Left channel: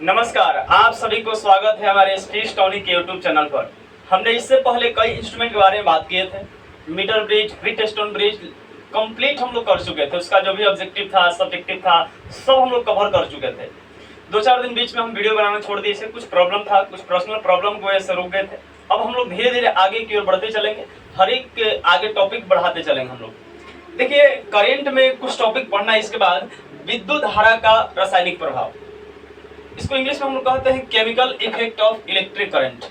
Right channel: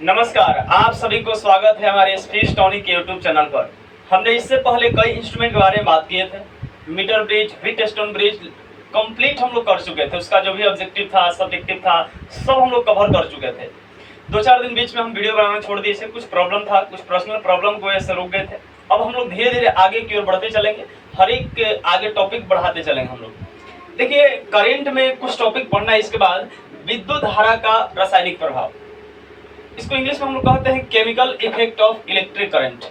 नमस्कार, आप सभी को स्वागत है हमारे स्पीच टॉनिक के यूट्यूब चैनल पर। हमने इससे पहले कई इंस्ट्रूमेंट के बारे में बात किए थे। Meter bridge, wheatstone bridge complete हम लोग कर चुके थे। उसका जो भी ऑब्जेक्टिव था, सब्जेक्टिव था, सब हम लोग कवर कर चुके थे। 2-4 दिन बीच में हम वीडियो बनाना छोड़ दिए थे। कुछ प्रॉब्लम था, कुछ पर्सनल प्रॉब्लम की वजह से रुक गए थे। अब हम लोग धीरे धीरे आगे की ओर बढ़ते चलेंगे, हर एक के आगे टॉपिक बढ़ाते चलेंगे हम लोग। देखिए, करेंट में कुछ टॉपिक पढ़ना है। इसके बाद विद्युत धारा का रासायनिक प्रभाव, इसको इंग्लिश में हम लोग कहते हैं chemical effect of electric current.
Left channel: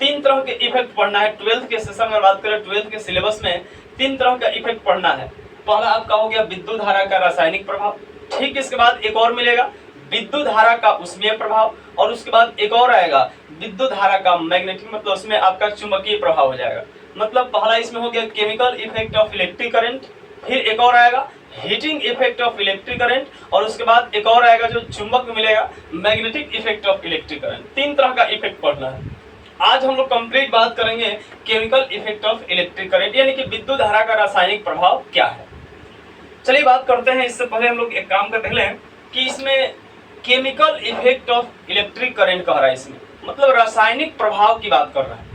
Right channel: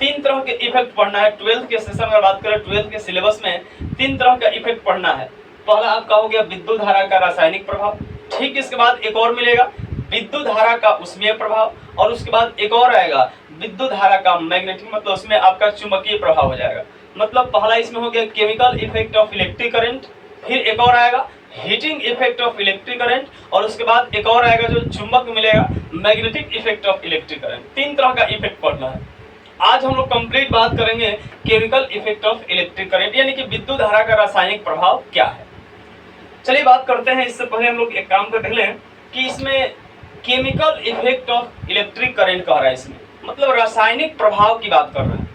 3 तरह के इफेक्ट पढ़ना है। 12th के सेशन में बात करें, 12th के सिलेबस में 3 तरह का इफेक्ट पढ़ना है। पहला आपका हो गया विद्युत धारा का रासायनिक प्रभाव। ठीक, इसके बाद एक और मिलेगा विद्युत धारा का उष्मीय प्रभाव, और उसके बाद एक और आएगा विद्युत धारा का मैग्नेटिक, मतलब उसमें आपका चुंबकीय प्रभाव हो जाएगा। मतलब पहला इसमें हो गया chemical effect of electric current, फिर एक और आएगा heating effect of electric current, और उसके बाद एक और आएगा जो चुंबक मिलेगा magnetic effect of electric current. 3 तरह का इफेक्ट पढ़ना है। आज हम लोग कंप्लीट बात करेंगे chemical effect of electric current, यानी कि विद्युत धारा का रासायनिक प्रभाव क्या है। चलिए बात करते हैं। इससे पहले हम लोग एक काम कर लें कि इसमें chemical effect of electric current कह रहा है, इसमें मतलब रासायनिक प्रभाव की बात कर रहा है।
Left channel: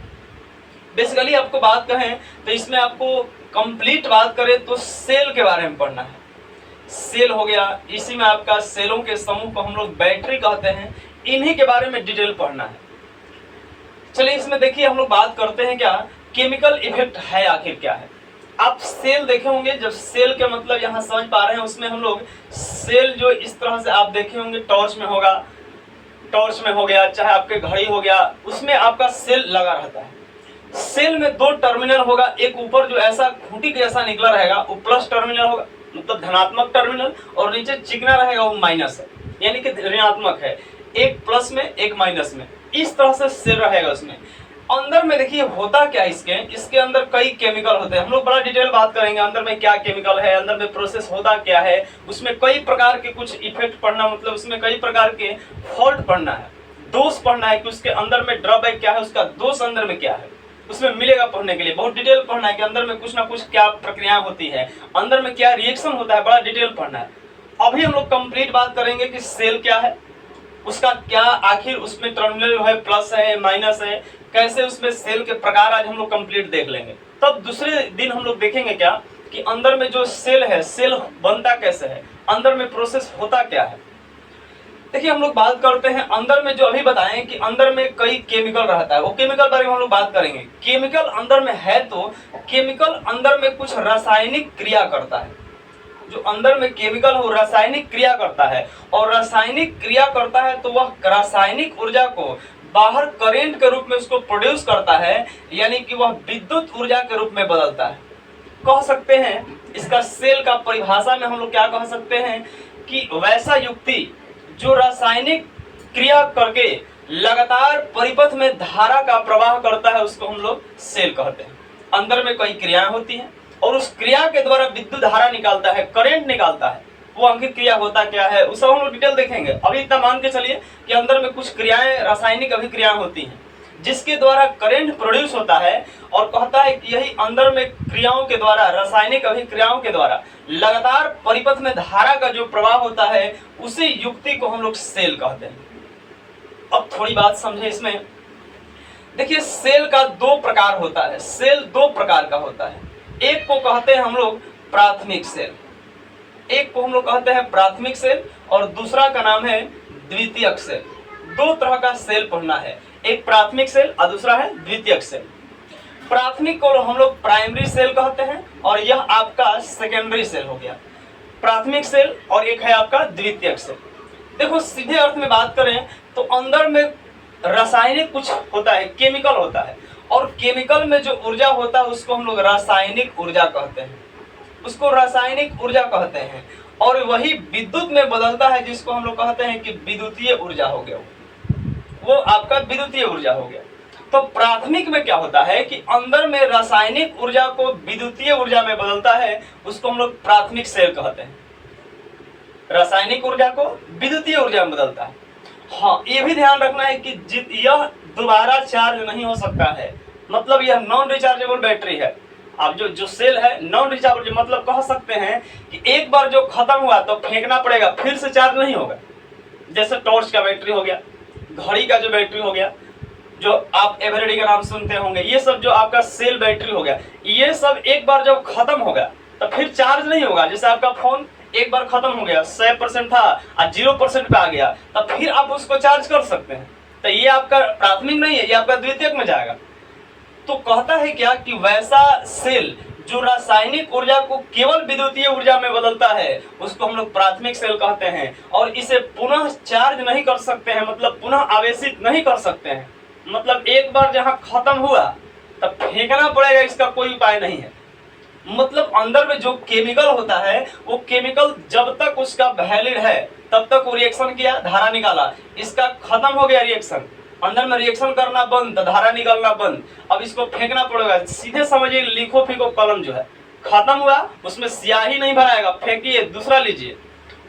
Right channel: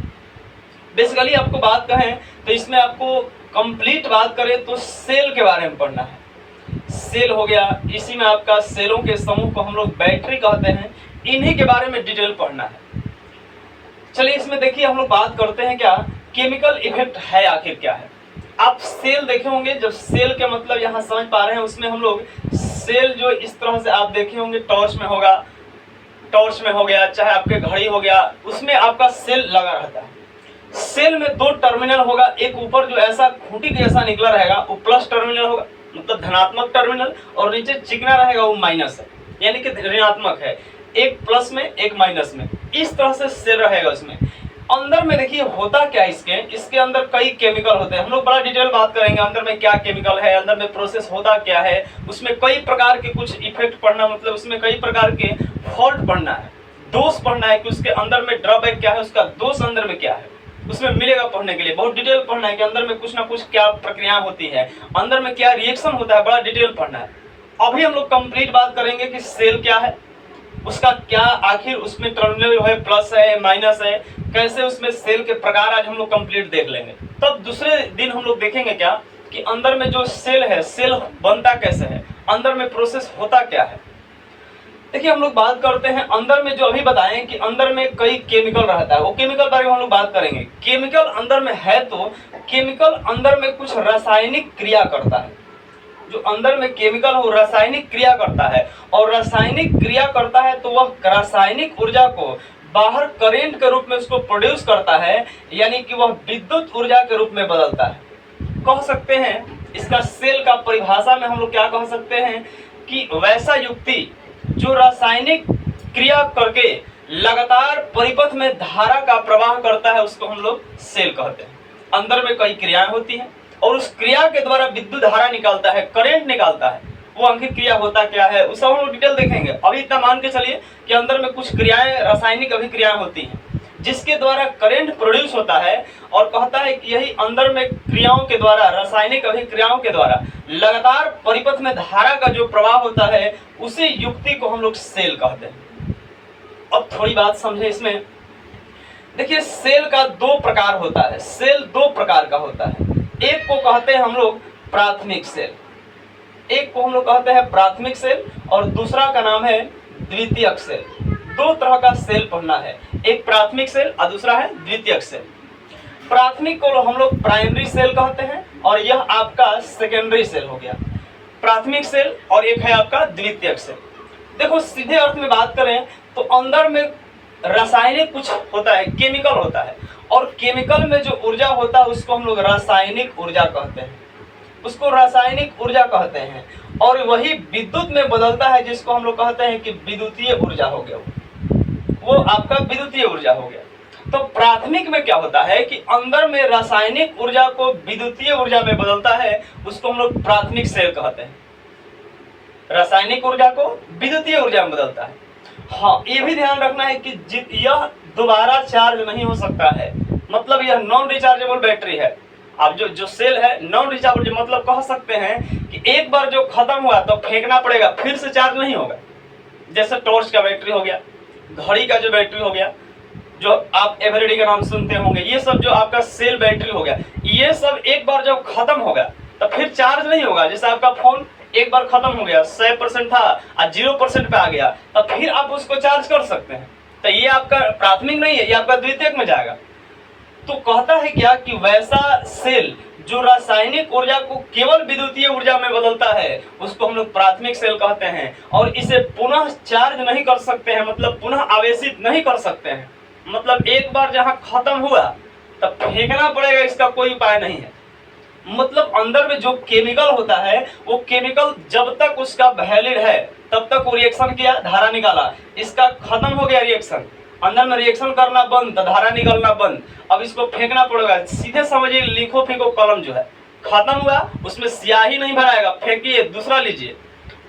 बेसिकली आपको बात कहें तो इसमें आपको कंप्लीट बात करें तो सेल के बारे में पढ़ना है। सेल हो गया, इसी में आपका सेलों के समूह को हम लोग बैटरी कहते हैं, इन्हीं के बारे में डिटेल पढ़ना है। चलिए इसमें देखिए हम लोग बात करते हैं क्या केमिकल इफेक्ट है, आखिर क्या है। आप सेल देखे होंगे, जब सेल के मतलब यहाँ समझ पा रहे हैं, उसमें हम लोग सेल जो इस तरह से आप देखे होंगे, टॉर्च में होगा, टॉर्च में हो गया, चाहे आपके घड़ी हो गया, उसमें आपका सेल लगा रहता है। सेल में 2 टर्मिनल होगा, एक ऊपर जो ऐसा खूंटी जैसा निकला रहेगा वो प्लस टर्मिनल होगा, मतलब धनात्मक टर्मिनल, और नीचे चिकना रहेगा वो माइनस है, यानी कि ऋणात्मक है। एक प्लस में एक माइनस में, इस तरह से सेल रहेगा। उसमें अंदर में देखिए होता क्या, इसके अंदर कई केमिकल होते हैं। हम लोग बड़ा डिटेल बात करेंगे अंदर में क्या केमिकल है, अंदर में प्रोसेस होता क्या है, उसमें कई प्रकार के कुछ इफेक्ट पढ़ना, मतलब उसमें कई प्रकार के फॉल्ट पढ़ना है, दोष पढ़ना है कि उसके अंदर में ड्रॉबैक क्या है, उसका दोष अंदर में क्या है, उसमें मिलेगा पढ़ने के लिए। बहुत डिटेल पढ़ना है कि अंदर में कुछ ना कुछ क्या प्रक्रिया होती है, अंदर में क्या रिएक्शन होता है, बड़ा डिटेल पढ़ना है। अभी हम लोग कंप्लीट बात करेंगे कि सेल क्या है, उसका क्या आखिर उसमें टर्मिनल है, प्लस है, माइनस है, कैसे उसमें सेल के प्रकार आज हम लोग कंप्लीट देख लेंगे। तब दूसरे दिन हम लोग देखेंगे क्या कि अंदर में जो सेल है, सेल बनता कैसे है, अंदर में प्रोसेस होता क्या है। देखिए हम लोग बात करते हैं अंदर में, जो अभी बताएं कि अंदर में कई केमिकल रहता है, वो केमिकल बारे में हम लोग बात करेंगे। केमिकल अंदर में है तो केमिकल अंदर में कुछ रासायनिक क्रिया करता है। जो अंदर में केमिकल हो रासायनिक क्रिया करता है, और रासायनिक क्रिया करता है तो वह रासायनिक ऊर्जा को बाहर करेंट के रूप में उसको प्रोड्यूस करता है, यानी कि वह विद्युत ऊर्जा के रूप में बदलता है। कह सकते हैं इसका सेल का परिभाषा में हम लोग क्या कह सकते हैं कि वैसा युक्ति जो रासायनिक क्रिया करके लगातार परिपथ में धारा का प्रवाह करता है, उसको हम लोग सेल कहते हैं। अंदर में कई क्रियाएं होती हैं और उस क्रिया के द्वारा विद्युत धारा निकालता है, करंट निकालता है। वो अंकित क्रिया होता क्या है, उस हम लोग डिटेल देखेंगे। अभी इतना मान के चलिए कि अंदर में कुछ क्रियाएं, रासायनिक अभिक्रियाएं होती हैं जिसके द्वारा करंट प्रोड्यूस होता है, और कहता है कि यही अंदर में क्रियाओं के द्वारा, रासायनिक अभिक्रियाओं के द्वारा लगातार परिपथ में धारा का जो प्रवाह होता है, उसी युक्ति को हम लोग सेल कहते हैं। अब थोड़ी बात समझे इसमें। देखिए सेल का 2 प्रकार होता है, सेल 2 प्रकार का होता है। एक को कहते हैं हम लोग प्राथमिक सेल, एक को हम लोग कहते हैं प्राथमिक सेल, और दूसरा का नाम है द्वितीयक सेल। 2 तरह का सेल पढ़ना है, एक प्राथमिक सेल और दूसरा है द्वितीयक सेल। प्राथमिक को हम लोग प्राइमरी सेल कहते हैं, और यह आपका सेकेंडरी सेल हो गया। प्राथमिक सेल और एक है आपका द्वितीयक सेल। देखो सीधे अर्थ में बात करें तो अंदर में रासायनिक कुछ होता है, केमिकल होता है, और केमिकल में जो ऊर्जा होता है उसको हम लोग रासायनिक ऊर्जा कहते हैं, उसको रासायनिक ऊर्जा कहते हैं। और वही विद्युत में बदलता है, जिसको हम लोग कहते हैं कि विद्युतीय ऊर्जा हो गया, वो आपका विद्युतीय ऊर्जा हो गया। तो प्राथमिक में क्या होता है कि अंदर में रासायनिक ऊर्जा को विद्युतीय ऊर्जा में बदलता है, उसको हम लोग प्राथमिक सेल कहते हैं। रासायनिक ऊर्जा को विद्युतीय ऊर्जा में बदलता है। हाँ, ये भी ध्यान रखना है कि यह दोबारा चार्ज नहीं हो सकता है, मतलब यह नॉन रिचार्जेबल बैटरी है। अब जो सेल है नॉन रिचार्जेबल, मतलब कह सकते हैं कि एक बार जो खत्म हुआ तो फेंकना पड़ेगा, फिर से चार्ज नहीं होगा। जैसे टॉर्च का बैटरी हो गया, घड़ी का जो बैटरी हो गया, जो आप एवरीडे का नाम सुनते होंगे, ये सब जो आपका सेल बैटरी हो गया, ये सब एक बार जब खत्म हो गया तो फिर चार्ज नहीं होगा। जैसे आपका फोन एक बार खत्म हो गया, 100% था और 0% पे आ गया, तब फिर आप उसको चार्ज कर सकते हैं। तो ये आपका प्राथमिक नहीं है, ये आपका द्वितीयक में जाएगा। तो कहता है क्या कि वैसा सेल जो रासायनिक ऊर्जा को केवल विद्युतीय ऊर्जा में बदलता है, उसको हम लोग प्राथमिक सेल कहते हैं। और इसे पुनः चार्ज नहीं कर सकते हैं, मतलब पुनः आवेशित नहीं कर सकते हैं। मतलब एक बार जहां खत्म हुआ तब फेंकना पड़ेगा, इसका कोई उपाय नहीं है। मतलब अंदर में जो केमिकल होता है, वो केमिकल जब तक उसका वैलिड है तब तक वो रिएक्शन किया, धारा निकाला। इसका खत्म हो गया रिएक्शन, अंदर में रिएक्शन करना बंद, तो धारा निकलना बंद। अब इसको फेंकना पड़ेगा। सीधे समझिए, लिखो फेंको कलम जो है खत्म हुआ, उसमें स्याही नहीं भराएगा, फेंकिए दूसरा लीजिए।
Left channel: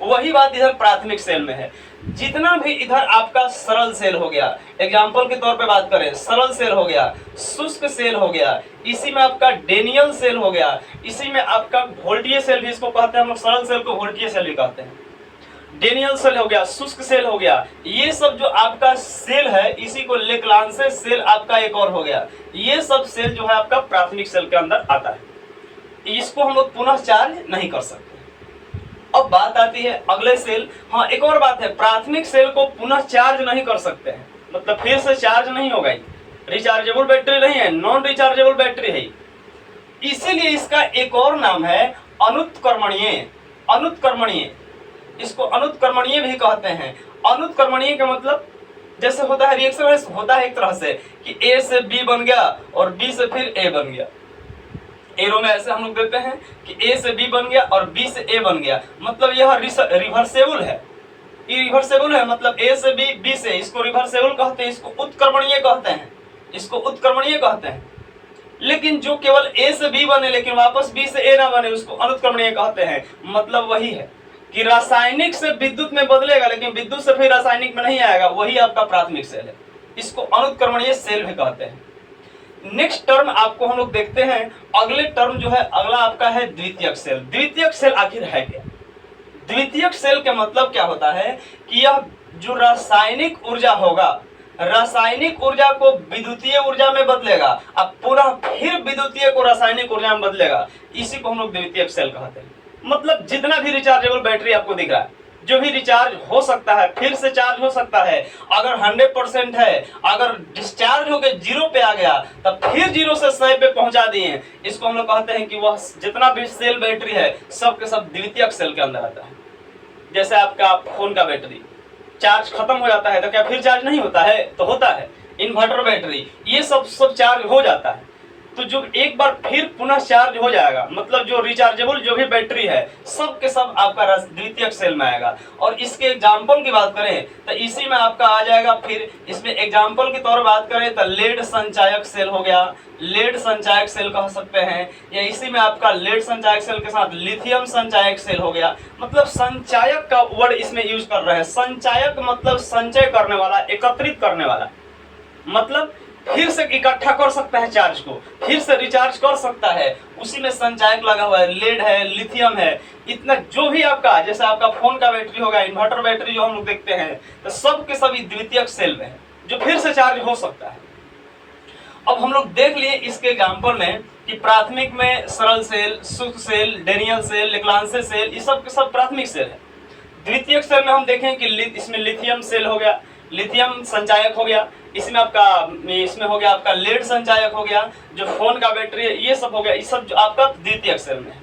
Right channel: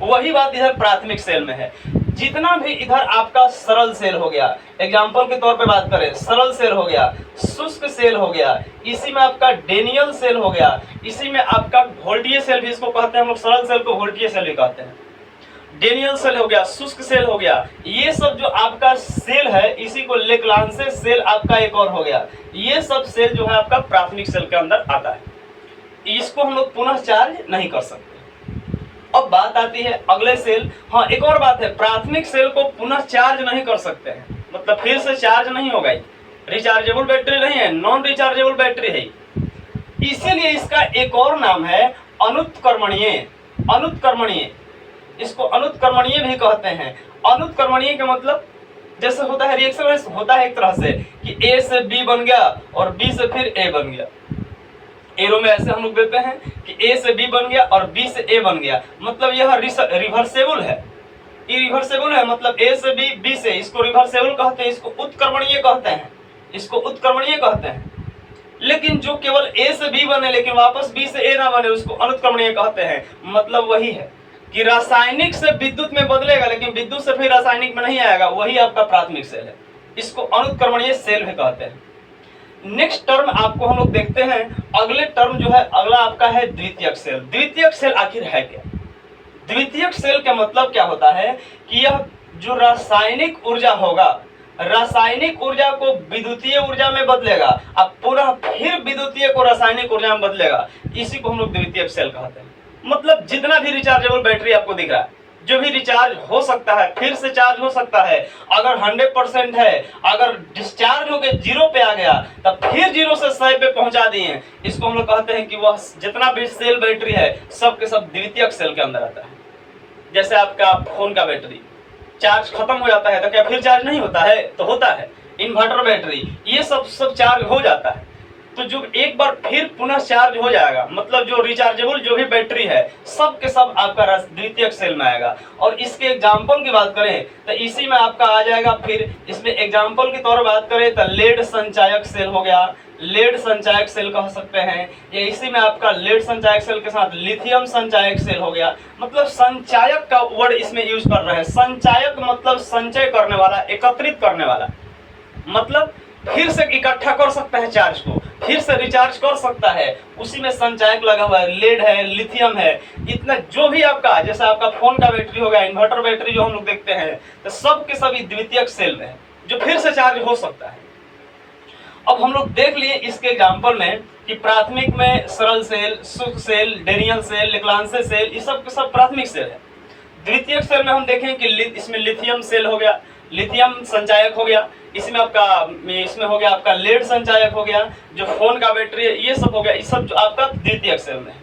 वही बात इधर प्राथमिक सेल में है। जितना भी इधर आपका सरल सेल हो गया, एग्जाम्पल के तौर पे बात करें, सरल सेल हो गया, शुष्क सेल हो गया, इसी में आपका डेनियल सेल हो गया, इसी में आपका वोल्टीय सेल भी इसको कहते हैं हम लोग, सरल सेल को वोल्टीय सेल भी कहते हैं। डेनियल सेल हो गया, शुष्क सेल हो गया, ये सब जो आपका सेल है, इसी को लेक्लांसे सेल आपका एक और हो गया। ये सब सेल जो है आपका प्राथमिक सेल के अंदर आता है। इसको हम लोग पुनः चार्ज नहीं कर सकते। अब बात आती है अगले सेल। हाँ, एक और बात है, प्राथमिक सेल को पुनः चार्ज नहीं कर सकते हैं, मतलब फिर से चार्ज नहीं होगा। रिचार्जेबल बैटरी नहीं है, नॉन रिचार्जेबल बैटरी है, इसीलिए इसका एक और नाम है अनुत्क्रमणीय। अनुत्क्रमणीय, इसको अनुत्क्रमणीय भी कहते हैं। अनुत्क्रमणीय का मतलब जैसे होता है रिएक्शन होता है एक तरह से कि ए से बी बन गया और बी से फिर ए बन गया। एरो में ऐसे हम लोग देते हैं कि ए से बी बन गया और बी से ए बन गया, मतलब यह रिवर्सेबल है। ये रिवर्सेबल है, मतलब ए से बी, बी से, इसको रिवर्सेबल कहते हैं, इसको उत्क्रमणीय कहते हैं, इसको उत्क्रमणीय कहते हैं। लेकिन जो केवल ए से बी बने लेकिन वापस बी से ए ना बने, उसको अनुत्क्रमणीय कहते हैं। मतलब वही है कि रासायनिक से विद्युत में बदलेगा लेकिन विद्युत से फिर रासायनिक में नहीं आएगा, वही आपका प्राथमिक सेल है। इसको अनुत्क्रमणीय सेल भी कहते हैं। नेक्स्ट टर्म आपको हम लोग देखते हैं, अगले टर्म जो है अगला आपका है द्वितीयक सेल। द्वितीयक सेल आखिर है क्या? द्वितीयक सेल का मतलब क्या होता है कि यह जो रासायनिक ऊर्जा होगा, रासायनिक ऊर्जा को विद्युतीय ऊर्जा में बदलेगा, अब पूरा फिर विद्युतीय को रासायनिक ऊर्जा में बदलेगा, इसी को हम लोग द्वितीयक सेल कहते हैं। मतलब जितना भी रिचार्जेबल बैटरी आपको दिख रहा है, जो भी रिचार्ज हो सकता है, फिर से चार्ज हो सकता है, अगर 100% है, अगर डिस्चार्ज होकर 0 पे आ गया तब फिर 0 से 100 पे पहुंचा दिए, इसको हम लोग कहते हैं कि वह जितना भी सेल बैटरी है सब के सब द्वितीयक सेल के अंदर आता है। जैसे आपका फोन का बैटरी चार्ज खत्म हो जाता है तो क्या फिर चार्ज नहीं होता है? तो होता है। इन्वर्टर बैटरी, ये सब चार्ज हो जाता है। तो जो एक बार फिर पुनः चार्ज हो जाएगा, मतलब जो रिचार्जेबल जो भी बैटरी है सब के सब आपका द्वितीयक सेल में आएगा। और इसके एग्जाम्पल की बात करें तो इसी में आपका आ जाएगा। फिर इसमें एग्जाम्पल की तौर पर बात करें तो लेड संचायक सेल हो गया, लेड संचायक सेल कह सकते हैं, या इसी में आपका लेड संचायक सेल के साथ लिथियम संचायक सेल हो गया। मतलब संचायक का वर्ड इसमें यूज कर रहे हैं। संचायक मतलब संचय करने वाला, एकत्रित करने वाला, मतलब फिर से इकट्ठा कर सकता है चार्ज को, फिर से रिचार्ज कर सकता है, उसी में संचायक लगा हुआ है। लेड है, लिथियम है, इतना जो भी आपका, जैसे आपका फोन का बैटरी होगा, इन्वर्टर बैटरी जो हम लोग देखते हैं, तो सब के सभी द्वितीयक सेल में है जो फिर से चार्ज हो सकता है। अब हम लोग देख लिए इसके एग्जाम्पल में कि प्राथमिक में सरल सेल, शुष्क सेल, डेनियल सेल, लेक्लांसे सेल, ये सब के सब प्राथमिक सेल है। द्वितीयक सेल में हम देखें कि इसमें लिथियम सेल हो गया, लिथियम संचायक हो गया, इसमें हो गया आपका लेड संचायक हो गया, जो फोन का बैटरी है, ये सब हो गया। ये सब जो आपका द्वितीयक सेल में है।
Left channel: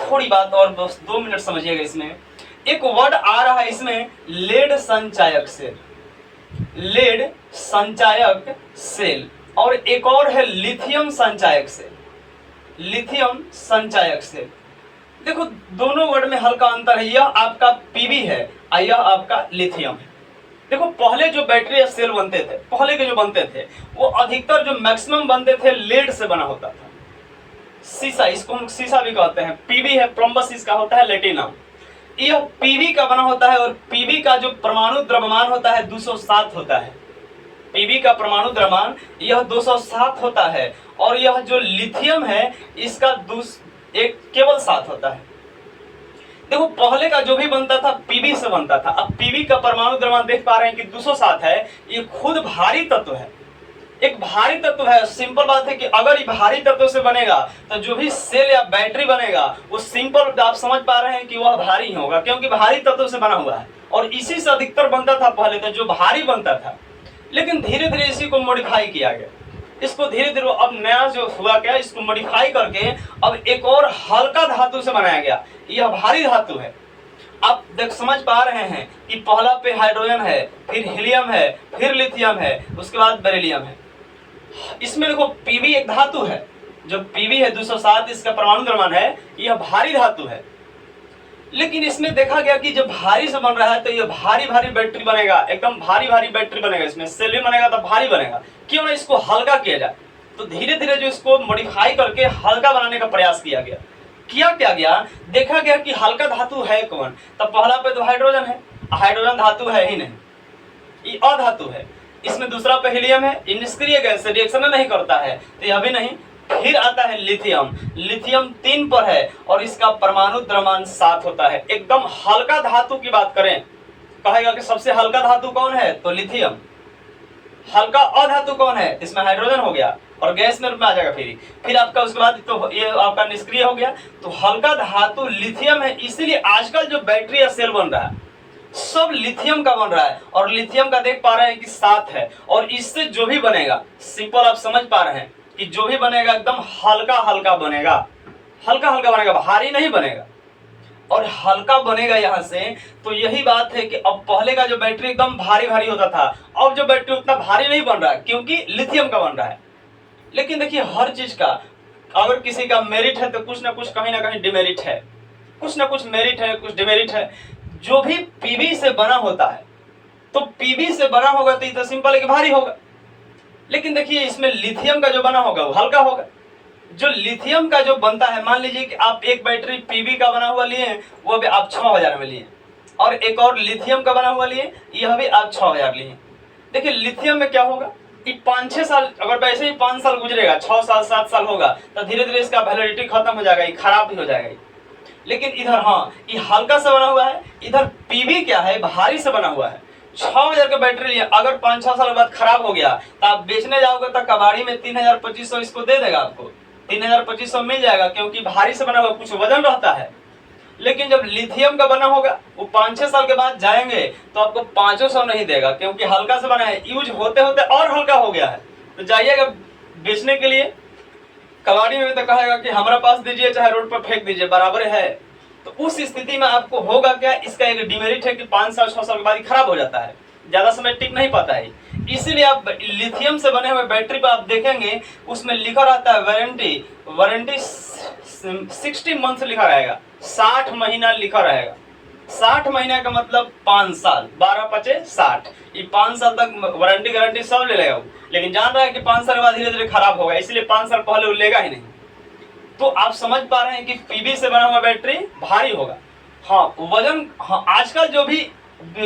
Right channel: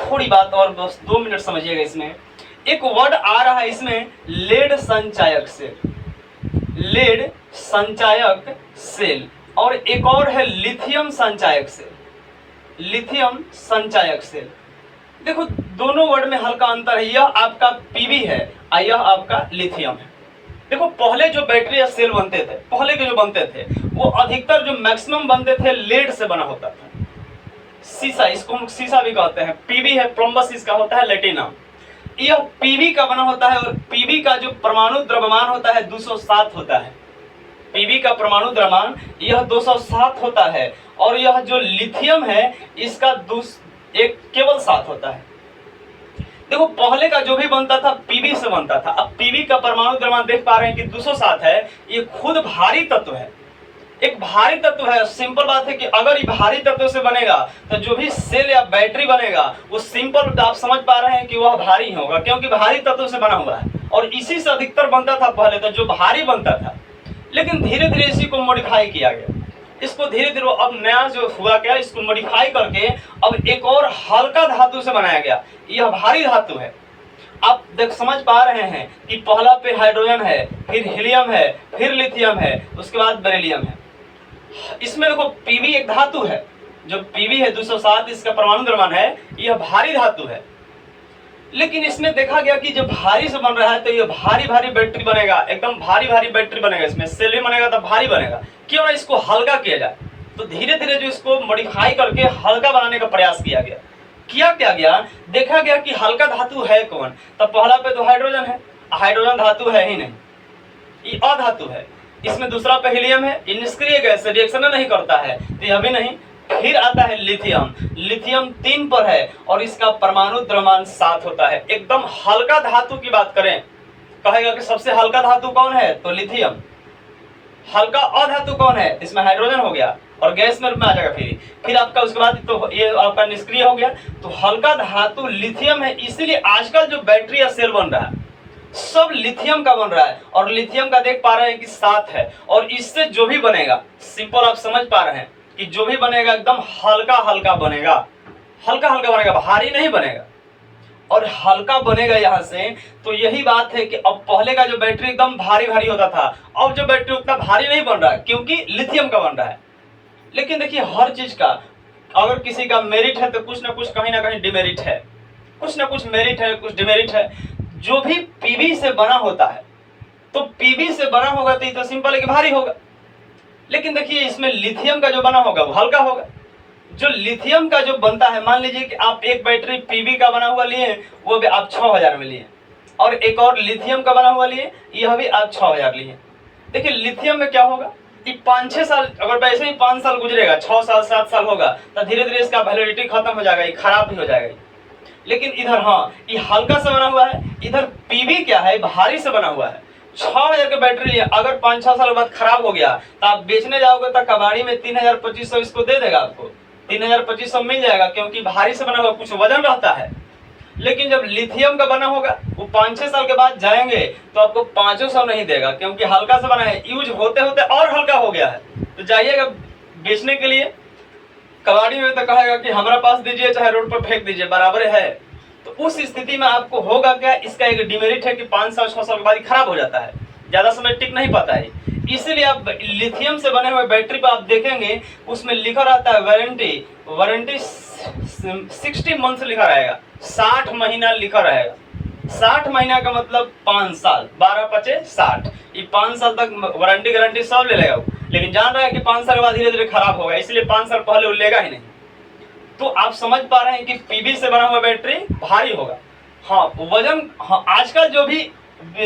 थोड़ी बात और बस 2 मिनट समझिएगा। इसमें एक वर्ड आ रहा है इसमें, लेड संचायक सेल, लेड संचायक सेल, और एक और है लिथियम संचायक सेल, लिथियम संचायक सेल। देखो दोनों वर्ड में हल्का अंतर है, यह आपका पीवी है और यह आपका लिथियम है। देखो पहले जो बैटरी या सेल बनते थे, पहले के जो बनते थे, वो अधिकतर जो मैक्सिमम बनते थे लेड से बना होता था। सीसा, इसको हम सीसा भी कहते हैं। पीवी है, प्लम्बस इसका होता है लेटिनम, यह पीवी का बना होता है। और पीवी का जो परमाणु द्रव्यमान होता है 207 होता है। पीवी का परमाणु द्रव्यमान यह 207 होता है, और यह जो लिथियम है इसका केवल 7 होता है। देखो पहले का जो भी बनता था पीबी से बनता था। अब पीबी का परमाणु द्रव्यमान देख पा रहे हैं कि 207 है, ये खुद भारी तत्व है, एक भारी तत्व है। सिंपल बात है कि अगर ये भारी तत्व से बनेगा तो जो भी सेल या बैटरी बनेगा वो सिंपल आप समझ पा रहे हैं कि वह भारी होगा, क्योंकि भारी तत्व से बना हुआ है। और इसी से अधिकतर बनता था पहले तो, जो भारी बनता था। लेकिन धीरे धीरे इसी को मॉडिफाई किया गया, इसको धीरे धीरे अब नया जो हुआ क्या, इसको मॉडिफाई करके अब एक और हल्का धातु से बनाया गया। यह भारी धातु है। आप देख समझ पा रहे हैं कि पहला पे हाइड्रोजन है, फिर हीलियम है, फिर लिथियम है, उसके बाद बेरिलियम है। इसमें देखो पीबी एक धातु है, जो पीबी है 207 इसका परमाणु द्रव्यमान है, यह भारी धातु है। लेकिन इसमें देखा गया कि जब भारी से बन रहा है तो ये भारी भारी बैटरी बनेगा, एकदम भारी भारी बैटरी बनेगा, इसमें सेल भी बनेगा तो भारी बनेगा। क्यों ना इसको हल्का किया जाए। तो धीरे धीरे जो इसको मॉडिफाई करके हल्का बनाने का प्रयास किया गया। क्या गया, देखा गया कि हल्का धातु है कौन, तब पहला पे तो हाइड्रोजन है, हाइड्रोजन धातु है ही नहीं, ये अधातु है। इसमें दूसरा पे हीलियम है, ये निष्क्रिय गैस, रिएक्शन नहीं करता है, तो यह भी नहीं। फिर आता है लिथियम, लिथियम 3 पर है और इसका परमाणु द्रव्यमान 7 होता है। एकदम हल्का धातु की बात करें, कहेगा कि सबसे हल्का धातु कौन है, तो लिथियम। हल्का अधातु कौन है, इसमें हाइड्रोजन हो गया और गैस में आ जाएगा। फिर आपका उसके बाद तो ये आपका निष्क्रिय हो गया। तो हल्का धातु लिथियम है, इसीलिए आजकल जो बैटरी या सेल बन रहा है सब लिथियम का बन रहा है। और लिथियम का देख पा रहे हैं कि 7 है, और इससे जो भी बनेगा, सिंपल आप समझ पा रहे हैं कि जो भी बनेगा एकदम हल्का हल्का बनेगा, हल्का हल्का बनेगा, भारी नहीं बनेगा और हल्का बनेगा। यहाँ से तो यही बात है कि अब पहले का जो बैटरी एकदम भारी भारी होता था, अब जो बैटरी उतना भारी नहीं बन रहा है क्योंकि लिथियम का बन रहा है। लेकिन देखिए हर चीज का अगर किसी का मेरिट है तो कुछ ना कुछ कहीं ना कहीं डिमेरिट है, कुछ ना कुछ मेरिट है, कुछ डिमेरिट है। जो भी पीबी से बना होता है तो पीबी से बना होगा तो ये तो सिंपल है कि भारी होगा। लेकिन देखिए इसमें लिथियम का जो बना होगा वो हल्का होगा। जो लिथियम का जो बनता है, मान लीजिए कि आप एक बैटरी पीबी का बना हुआ लिए, वो भी आप 6000 में लिए, और एक और लिथियम का बना हुआ लिए, यह भी आप 6000 लिए। देखिए लिथियम में क्या होगा कि 5-6 साल, अगर वैसे ही 5 साल गुजरेगा, 6 साल 7 साल होगा, तो धीरे धीरे इसका वैलिडिटी खत्म हो जाएगा, ये खराब भी हो जाएगा। लेकिन इधर हाँ, ये हल्का से बना हुआ है, इधर पीबी क्या है, भारी से बना हुआ है। 6000 का बैटरी लिया, अगर 5-6 साल बाद खराब हो गया तो आप बेचने जाओगे तो कबाड़ी में 3200 इसको दे देगा, आपको 3200 मिल जाएगा, क्योंकि भारी से बना हुआ कुछ वजन रहता है। लेकिन जब लिथियम का बना होगा वो 5-6 साल के बाद जाएंगे तो आपको 500 नहीं देगा, क्योंकि हल्का से बना है, यूज होते होते और हल्का हो गया है। तो जाइएगा बेचने के लिए कबाड़ी में तो कहेगा कि हमारे पास दीजिए चाहे रोड पर फेंक दीजिए, बराबर है। तो उस स्थिति में आपको होगा क्या, इसका एक डिमेरिट है कि 5 साल 6 साल के बाद खराब हो जाता है, ज्यादा समय टिक नहीं पाता है। इसीलिए आप लिथियम से बने हुए बैटरी पर आप देखेंगे उसमें लिखा रहता है वारंटी 60 मंथ लिखा रहेगा, 60 महीना लिखा रहेगा। 60 महीना का मतलब 5 साल, 12-5-60, ये 5 साल तक वारंटी गारंटी सब ले लेगा। लेकिन जान रहा है कि 5 साल के बाद धीरे धीरे खराब होगा, इसलिए 5 साल पहले वो लेगा ही नहीं। तो आप समझ पा रहे हैं कि पीबी से बना हुआ बैटरी भारी होगा। हाँ वजन, हाँ आजकल जो भी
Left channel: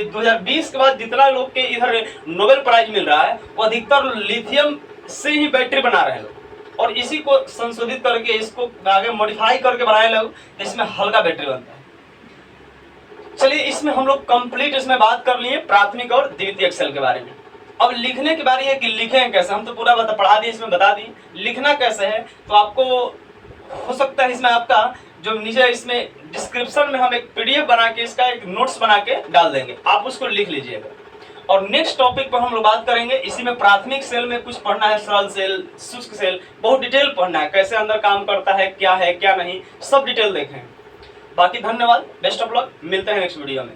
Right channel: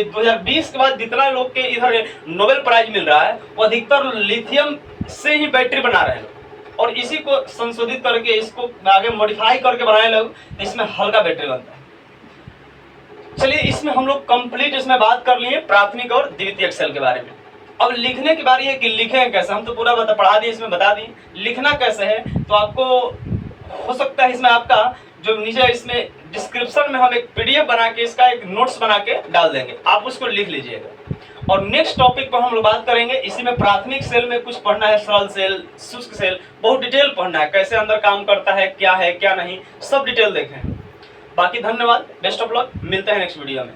2020 के बाद जितना लोग के इधर नोबेल प्राइज मिल रहा है वो अधिकतर लिथियम से ही बैटरी बना रहे हैं लोग, और इसी को संशोधित करके इसको आगे मॉडिफाई करके बनाए लोग, इसमें हल्का बैटरी बनता है। चलिए इसमें हम लोग कंप्लीट इसमें बात कर लिए प्राथमिक और द्वितीयक सेल के बारे में। अब लिखने की बारी है कि लिखें कैसे। हम तो पूरा पढ़ा दिए, इसमें बता दिए लिखना कैसे है। तो आपको हो सकता है इसमें आपका जो नीचे इसमें डिस्क्रिप्शन में हम एक पीडीएफ बना के इसका एक नोट्स बना के डाल देंगे, आप उसको लिख लीजिएगा। और नेक्स्ट टॉपिक पर हम लोग बात करेंगे, इसी में प्राथमिक सेल में कुछ पढ़ना है, सरल सेल, शुष्क सेल, बहुत डिटेल पढ़ना है, कैसे अंदर काम करता है क्या नहीं, सब डिटेल देखें। बाकी धन्यवाद, बेस्ट ऑफ लक, मिलते हैं नेक्स्ट वीडियो में।